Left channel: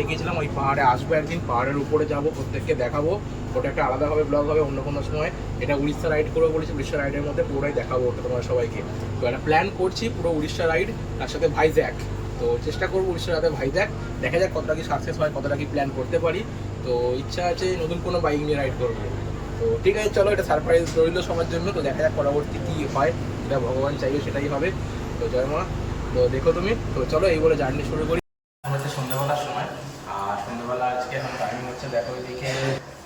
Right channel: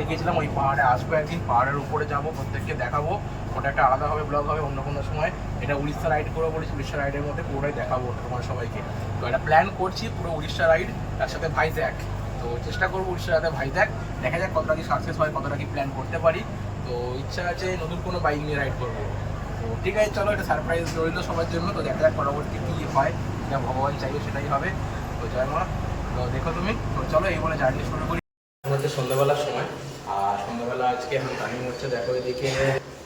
দেখেছিলাম ওই পাহাড়ে আসব একদিন, পাহাড়ের উপরে যাব, প্রত্যেককে দেখাবো। ওটা একটা আলাদাভাবে ব্লগ হবে, অন্য কোনো সময়। এটা উড়িষ্যা রাইড করব বলেছি, উড়িষ্যা রাইডের মধ্যে পুরোটাই দেখাবো ওটা তোমার সবাইকে। তো এটা প্ল্যান করছি, পুরো উড়িষ্যা রাইড তার সাথে ভাইজ্যাক তো চেষ্টা করব উড়িষ্যার সাথে ভাইজ্যাক দেখা যাক কতটা কি সাকসেস হয়, কতটা কি প্ল্যান করতে পারি। তো ইচ্ছা আছে নতুন কোনো বাইক নিয়ে রাইড করব। তো ঠিক আছে, চলো, এটা সারপ্রাইজ রইল সবার জন্য। তো দেখা যাক পরবর্তী কী হয় এটা ভগবান চাইবে সেটাই হবে। তো জয় মা। তো দেখো তুমি, তো চলো এই বলে জার্নি শুরু করি। এখন হচ্ছে সন্ধ্যাবেলার সময়। আর সন্ধ্যাবেলা আজকে এখন টাইম হচ্ছে দেখো এদিকে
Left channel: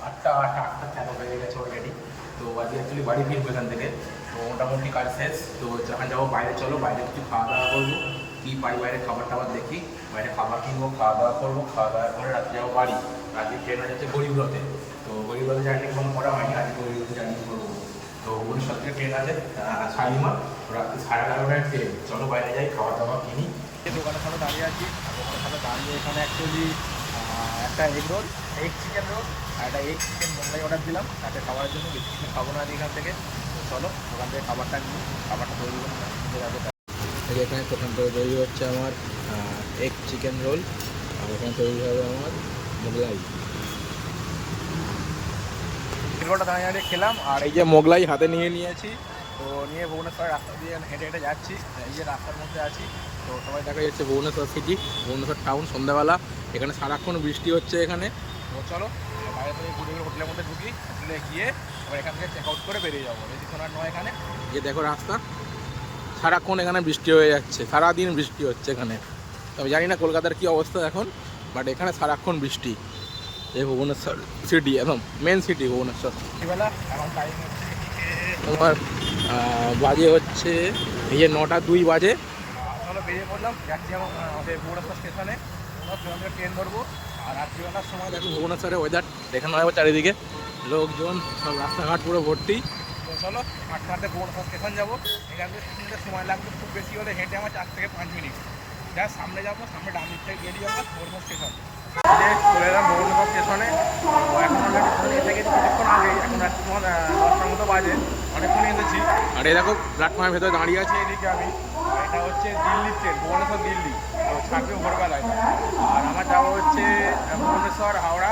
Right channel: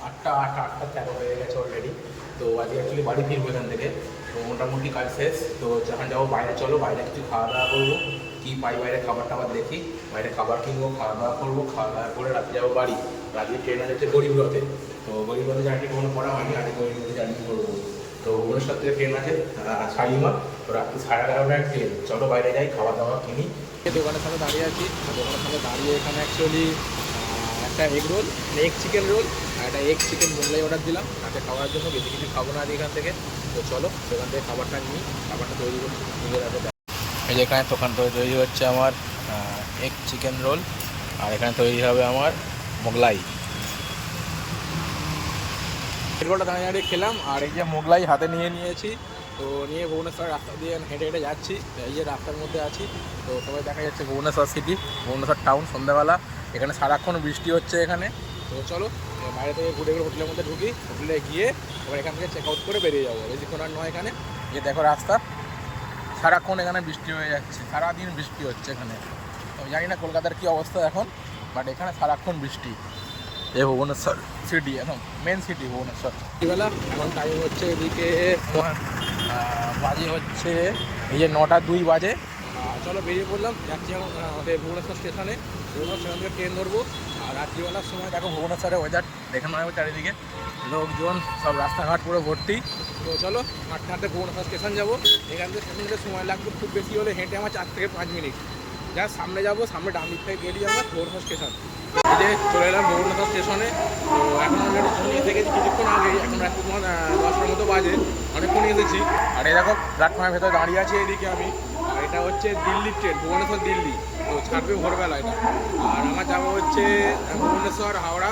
আটটা আট, আটটা তেরো হয়ে গেছে অলরেডি তো আজকে অ্যাকচুয়ালি বাড়ি ফিরবো এখান থেকে। তো মোটামুটি কাজ শেষ। তো যখন যাব বাইরে চলো, বাইরে কিছু খাওয়া দাওয়া করব। কী পাই, বাইরে খাবার টাবার দেখি। বাইরে খাবার কিনবো, খাওয়া দাওয়া করব, খাওয়া দাওয়া করে রাতে যাব বাড়ি। রাতে ট্রেন আছে হচ্ছে গরিবরথে তো গরিবরথে জার্নি কখনো করা হয়নি আজকে গরিবরথে জার্নি করব। তো ভুবনেশ্বর থেকে ট্রেন আছে শালিমা রাত্রি সাড়ে এগারোটায় ট্রেন চলো বাইরে যাই, খাওয়া দাওয়া কিনি। দোকানের সামনে দাঁড়িয়ে আছি। আর দোকানের সামনে দাঁড়িয়ে এখানে অ্যাকচুয়ালি একটা egg roll egg chicken roll আর একটা এগ চিকেন মোগলাই অর্ডার দিলাম। তাকে খাওয়ার জন্য বেশি কিছু খাব না এখান থেকে। তো চলো, দোকান থেকে খাবারটা নিই, খাবারটা তৈরি করি। নিজের রাখো এই যে এখানে দোকান তৈরি হচ্ছে আমার এগ চিকেন রোল আর এখানে তৈরি হবে আমার মোগলাই। রোলটা দাঁড়িয়ে দাঁড়িয়ে খেলাম, আর এই যে মোগলাই হাতে নিয়ে নিয়েছি। তো নিয়ে ভুবনেশ্বর রাস্তা দিয়ে হেঁটে হেঁটে যাচ্ছি। এই যে রাস্তার মধ্যে আছি, তো সবাই দেখা যাচ্ছে ভুবনেশ্বর সিটি ভুবনেশ্বর টাউন সন্ধ্যাবেলা। এখানে সারাক্ষণ বৃষ্টি হচ্ছে এখানে। তো চলো বাইরে থেকে ঘুরে ঘুরে হোটেলের মধ্যে ঢুকি। হোটেলে গিয়ে আবার এখান থেকে চেক আউট করে বেরিয়ে যাব। বেশিক্ষণ আর নয় এখানে, গিয়ে দেখো রাস্তা। সারাক্ষণ এখানে বৃষ্টি হয়ে যাচ্ছে, সারাদিন বৃষ্টি হচ্ছে এখানে। আমি জানি না কলকাতার কী অবস্থা এখন বাট এখানে সারাক্ষণ বৃষ্টি। এই ভুবনেশ্বর সিটি এখন মেন সিটি ভুবনেশ্বর। বেলা এখন টাইম হচ্ছে এদিকে তোমার বাজে হচ্ছে, এই যে নটা দুই বাজে। চলো বেরিয়ে পড়লাম, যাচ্ছি এখন আমাদের ভুবনেশ্বর স্টেশনে ভুবনেশ্বর থেকে ট্রেন ধরবো। আর রাত্রিবেলার সময় দেখো ভুবনেশ্বরের ওয়েদার দেখানো হবে চারিদিকে। লোকজন, সব রাস্তাঘাট পুরো ভর্তি। তো চলো, হাঁটতে হাঁটতে ভুবনেশ্বর স্টেশন যাব। এখান থেকে স্টেশন যেতে সময় লাগবে খুব বেশি হলে হেঁটে আমার চার থেকে পাঁচ মিনিট যা সামনে যাব, সামনে ডান দিক থেকে গেলেই আমরা ভুবনেশ্বর স্টেশন যে চলে এলাম ভুবনেশ্বর স্টেশনে, তো এখন অলরেডি স্টেশনে এসে গেছি কিছুক্ষণ আগেই, এখন রাত্রি তোমার দশটার মতো বাজে অনেকক্ষণ এসেছি। আর এই দেখো প্ল্যাটফর্মের ভেতরে দাঁড়িয়ে আছে এদিকে আমি। আর এটা হচ্ছে দিল্লি ট্রেন ভুবনেশ্বর দিল্লি। তো ছাড়বে ভোরবেলা এটা। আর আমার যাব হচ্ছে ভুবনেশ্বর, হাওড়া।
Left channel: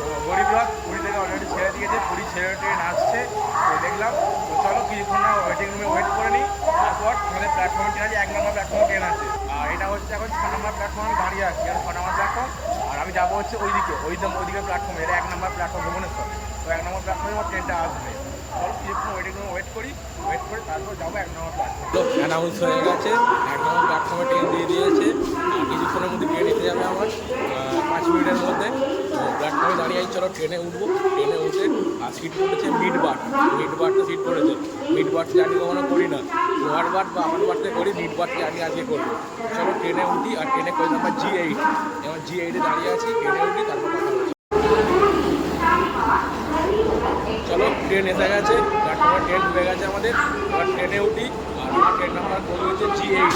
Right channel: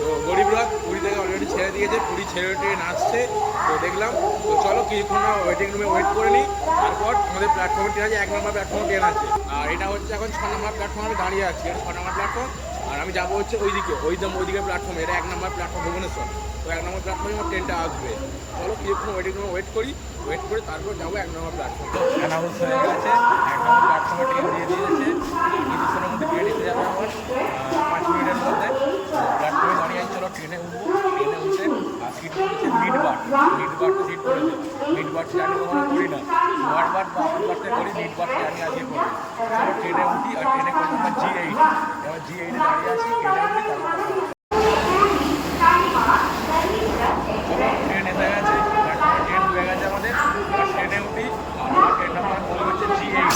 তো গরিবরথ পুরী থেকে অলরেডি ছেড়ে দিয়েছে, পুরী ছেড়ে ট্রেন আসছে। তো দেখলাম, তো চলো কিছুক্ষণ না ওয়েটিং রুমে ওয়েট করে নিই। তারপর আমাদের প্ল্যাটফর্মে ট্রেন আছে, এক নম্বর প্ল্যাটফর্মে ট্রেন আছে। আর এটা হচ্ছে এখন ছ নম্বর প্ল্যাটফর্মে আমি দাঁড়িয়ে আছি, এটা ছ নম্বর প্ল্যাটফর্ম আর আমি যাব হচ্ছে ওইদিকে, ওই দাম ওইদিকে প্ল্যাটফর্মে এটা এক নম্বর প্ল্যাটফর্ম ভুবনেশ্বর। তো এক নম্বর প্ল্যাটফর্মে আমার ট্রেনটা আসবে। চলো কিছুক্ষণ ওয়েটিং রুমে ওয়েট করি। ওয়েট করে তারপর যাব এক নম্বর প্ল্যাটফর্ম তো অ্যানাউন্স হয়ে গেছে। এক নম্বর প্ল্যাটফর্মে ট্রেন দিয়ে দিয়েছে। কিছুক্ষণের মধ্যে ট্রেন এসে যাবে আমার। পাঁচ মিনিটের মধ্যে। প্ল্যাটফর্মে দাঁড়িয়ে আছি। চলো ট্রেনে উঠবো। ট্রেনে উঠে, আর সিট পড়েছে মিড বার মিড বারটা সিট পড়েছে। মিড বার জানি কখনো করি না। বার বা আমার বারতে করি বারটা জানি আজকে করব চলো ট্রেনে উঠি আর ট্রেনে কই নাম্বার জি এইট এবার জি এইটে দাঁড়িয়ে আছি ট্রেনে উঠি তারপর কথা হবে চলো ট্রেন এসে গেছে ট্রেন ঢুকে গেছে আমাদের এবার ট্রেনে উঠি আর ট্রেন নাম্বার কোড হচ্ছে জি এইট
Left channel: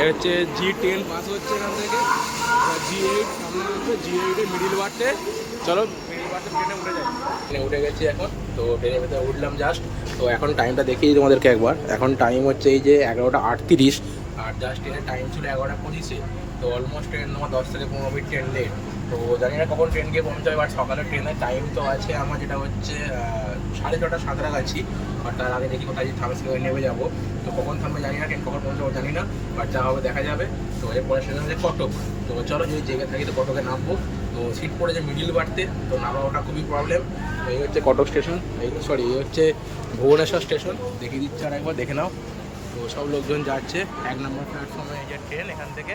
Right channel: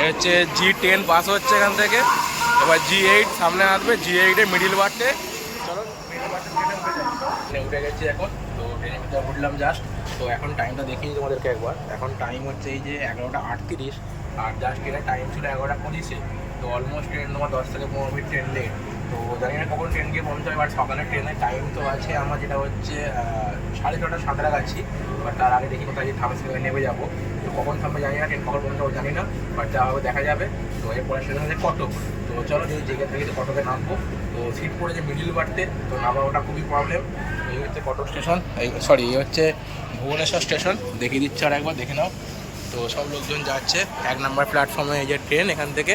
হচ্ছে জি টেন পাস হচ্ছে এখান থেকে এবার জি এইট সামনে আসবে জি এইটে মিডিল বার্থে চলো মিডিল বার্থে ট্রেনে উঠে যাই ট্রেনে উঠে গেছি এখন তো ট্রেনের ভিতরে উঠলাম জাস্ট তো এখন টাইমটা দেখিয়ে তোমাদেরকে একবার। এখন টাইম হচ্ছে এই যে এগারোটা আটত্রিশ, আর জাস্ট ট্রেনের টাইম ছিল এগারোটা পঁচিশে, তো অলমোস্ট ট্রেন তোমার দশ থেকে পনেরো মিনিট ট্রেন লেট তো জানি না কখন ট্রেন গিয়ে পৌঁছাবে বাট সকালে ট্রেনের টাইম তো আছে আমার যেটা হচ্ছে সাড়ে ছটা, সাতটা কাছি বাট তার আগে দেখি কোথায় থামে সেখানে নেমে যাব। তো কখন থামবে জানি না ট্রেন কখন পৌঁছাবো জানি না বাট যা হবে দেখা যাবে। তো এরপরে স্টেশন হচ্ছে কটক। তো চলো যদি জেগে থাকি তো কটকে নামবো। সিট পড়েছে মিডিল বাড়তে, তো নামা ওটা খুবই প্রবলেম এই হচ্ছে কটক স্টেশন এই সরি এই হচ্ছে ভুবনেশ্বর স্টেশন দেখিয়ে দিচ্ছে আর একবার, দেখে নাও। তো সব লোকজন যাচ্ছে, এক নাম্বার প্ল্যাটফর্মে এই যে ট্রেন এখান থেকে।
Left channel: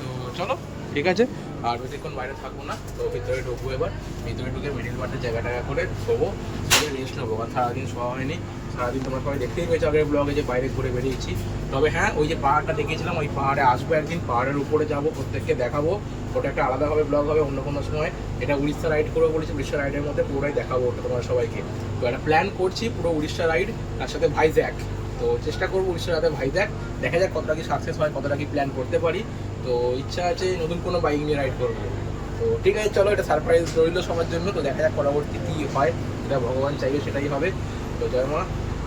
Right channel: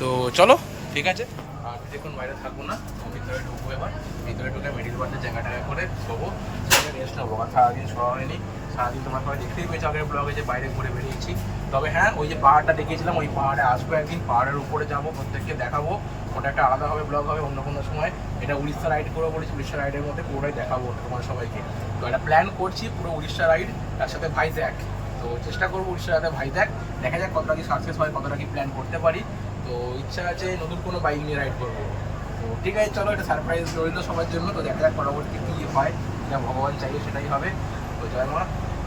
তো চলো, ঠিক আছে? আর বেশিক্ষণ বাইরে থাকব না, তো ভিতরে ঢুকবো এবার। ভিতরে ঢুকে মিডিল পার্টে জায়গাটাকে করে শোবো সেটা রেস্ট নেব কারণ সারাদিন শোয়া হয়নি, সারাদিন তোমার সবাই দেখতেই পেয়েছ, আগের ব্লগে যে বাইরে ঘুরে বেরিয়েছি। তবে হ্যাঁ ওই যে পাহাড়টা দেখিয়েছিলাম, ওই পাহাড়ে আসব একদিন পাহাড়ের উপরে যাব, প্রত্যেককে দেখাবো। ওটা একটা আলাদাভাবে ব্লগ হবে, অন্য কোনো সময়। এটা উড়িষ্যা রাইড করব বলেছি, উড়িষ্যা রাইডের মধ্যে পুরোটাই দেখাবো ওটা তোমার সবাইকে। তো এটা প্ল্যান করছি, পুরো উড়িষ্যা রাইড তার সাথে ভাইজ্যাক তো চেষ্টা করব উড়িষ্যা সাথে ভাইজ্যাক দেখা যাক কতটা কি সাকসেস হয়, কতটা কি প্ল্যান করতে পারি। তো ইচ্ছা আছে নতুন কোনো বাইক নিয়ে রাইড করব। তো ঠিক আছে, চলো, এটা সারপ্রাইজ রইল সবার জন্য, তো দেখা যাক পরবর্তী কী হয় এটা ভগবান চাইবে সেটাই হবে। তো জয় মা,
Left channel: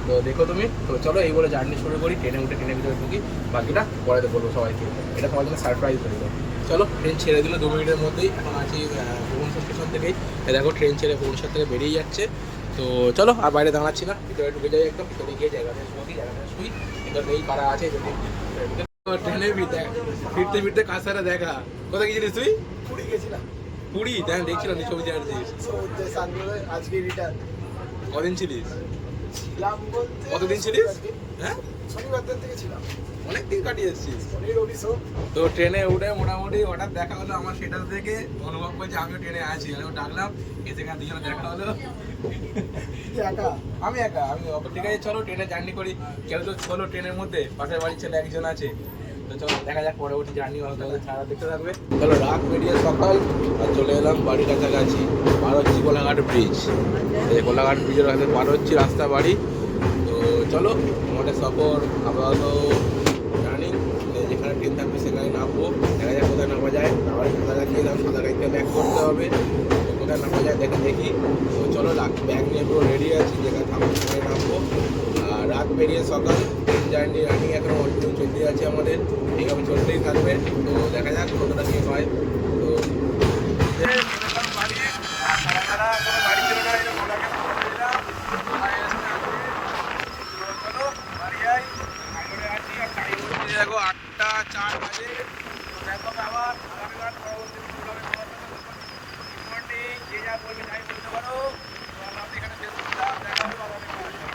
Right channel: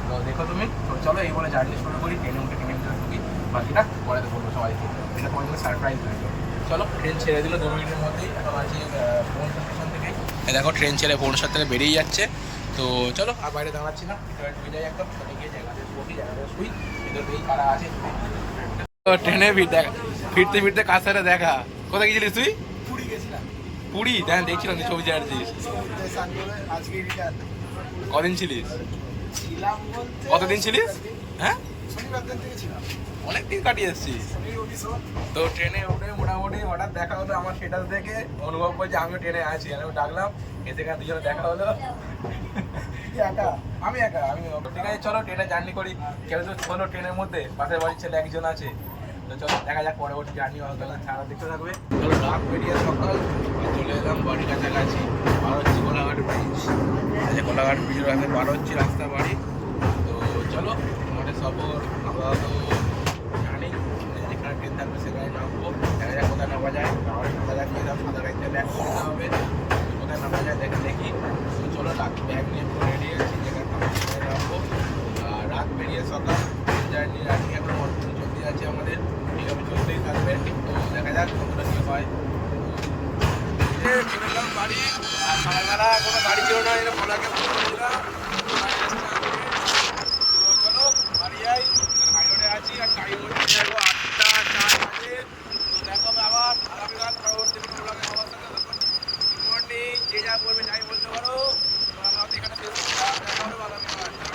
তো দেখো তুমি, তো চলো, এই বলে জার্নি শুরু করি ট্রেনে উঠে ট্রেনে ভিতরে ঢুকি, বাকিটা পরে তো বলব সবাইকে। এটা তোমার জন্য সারপ্রাইজ রইল। চলো ট্রেন ছেড়ে দিল দু মিনিটের মধ্যেই, এখন আছি ভুবনেশ্বর স্টেশন থেকেই দেখো ট্রেন ছেড়ে ভুবনেশ্বর থেকে বেরিয়ে যাচ্ছে। তো চলো, আর বাইরে দাঁড়াচ্ছি না, ভিতরে ঢুকে যাই একদম ট্রেনে গিয়ে জায়গাটা বসি জায়গাটা শুই, ভিতরে এই কারা আছে ট্রেনে ভিড় দেখা ফিরতে ফিরতে কার সাথে দেখা? কোথায় গেছিলিস তুই? পুরী গেছিলাম। পুরী? হ্যাঁ দেখছিলাম তুই ছবি ছাড়ছিস কদিন ছিলিস? কতদিন ছিলিস? হ্যাঁ? অনেক দিন কাটিয়ে এসছিস। তো ট্রেনে উঠে মোটামুটি হঠাৎ দেখা হলো আমার সেটা দেখে অনুভব করছে আমিও ট্রেনে আছি আমি ডাকলাম এসে এখানে দুজনে দেখা হলো। একা? আমি একা আমি ঠিক আছে চলো ট্রেনে জার্নি করি। কেউ তো ছোলো ট্রেনের মধ্যে পাশের বাড়ির ছেলে একজন আছে। চলো, দেখা যাক পরবর্তী জার্নি ওদের ছাড়া দেখতে থাকবে। চলো রাত বেরিয়ে সকাল, আর চলে এলাম বাড়ির কাছাকাছি পার হচ্ছি কোলাঘাট ব্রিজ যে কোলাঘাট ব্রিজের কাছে পার হচ্ছি রাস্তা বাড়ি। তো চলো আমাদের সফর আপাতত জানি যেখানে ট্রেন থাকবে সেখানে নামবো। দেখা যাক কোথায় নামা যায়, তাহলে কোথায় লাগিয়ে দাম কোথায় গাড়িতে ব্যাক করতে হবে। কোথায় নামা যায় দেখে দেখি। তো চলো, রাত ব্যাগ নিয়ে পুরো রেডি আছি, যেখানে থাকব সেখানে নামবো। আর রাত বেরিয়ে সকাল জার্নি রানিং এখন কন্টিনিউ চলতেই আছে আমাদের। এইভাবে চলতেই থাকবে। তো দেখা যাক কতটা কী হয়। তো বাড়ি। আর কোনো বাড়ি কেউ না বাড়ি যাই আছি। আর আটটা তো দেখো আবার পরবর্তী সবার সাথে যে যা বলবে তাই বলতে পারো। আমরা এখানে শেষ দেখা হবে